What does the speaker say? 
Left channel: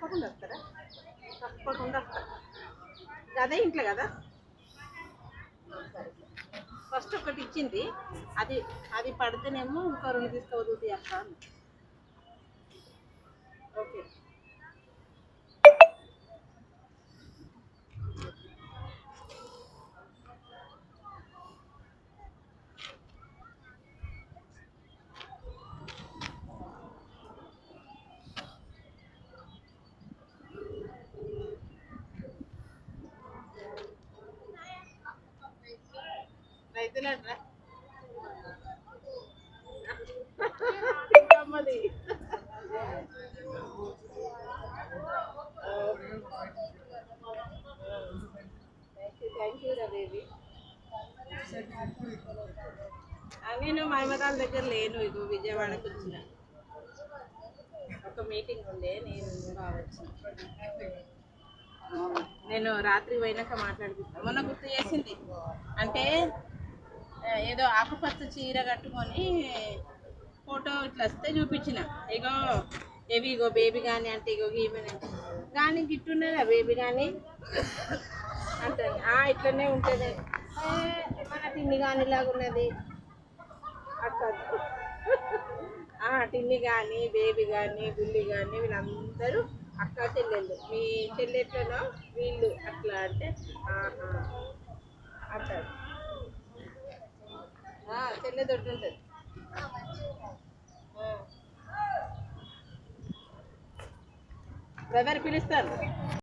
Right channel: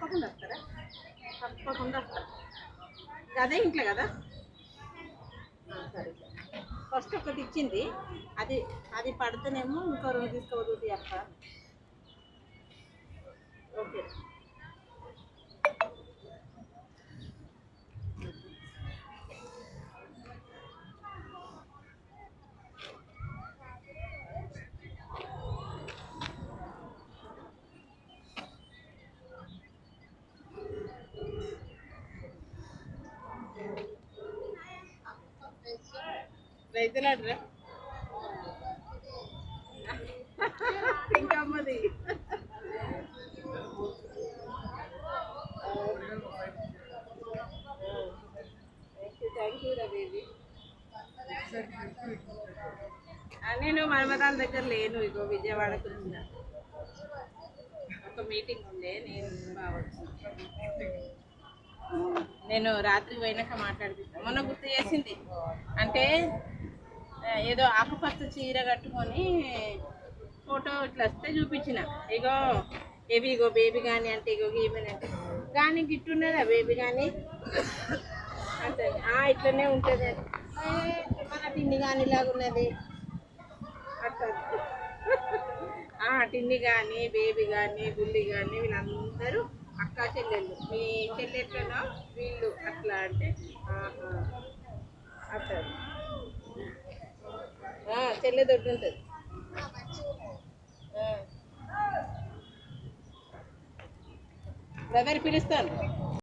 తప్పకుండా వస్తారా? తప్పకుండా వస్తా. అదే ఇంట్లో కదా. సరే, ఫస్ట్ ఒకటి ఇచ్చింది, అది అది పడితేనేమో ఇంకో 2 తీసుకోవద్దు అక్క. ఓకే. రైతులాడరా ఇంకమ్మది. థ్యాంక్ యూ రా బేబీ. నేను మన్మరాల దగ్గర లేను, ఇగో విజయవాడకు వచ్చిన. ఒక మీటింగ్ ఉండే, నేను రావచ్చు. నేను రాత్రి పోయినాక మాట్లాడిపిస్తాను. మొన్న గుర్తు చేసింది అంటే ఏదో ఆకుపచ్చ చీర కట్టుకొని ఫోటో ఇట్లా వస్తే చూపించిన, ఇగో ఇగో బేబీ కానీ అంటే ఇగో ఈమెన్ అంటే కానీ గిట్టున్నదా బేబీ కానీ అంటే ఇట్లనే ఉంటుంది మన టిన్ని కానీ ఇలాగా ఉన్నది అట్లా. టిన్ని కానీ బేబీ కానీ బుల్లి కానీ వీళ్ళందరూ అక్క చెల్లెళ్ళు. మీ చెల్లెట్లనో వీళ్ళు అట్లా అంటే అట్లా చెల్లె దొడ్డు ఉంటుంది. బ్రదర్ పిలుస్తాను.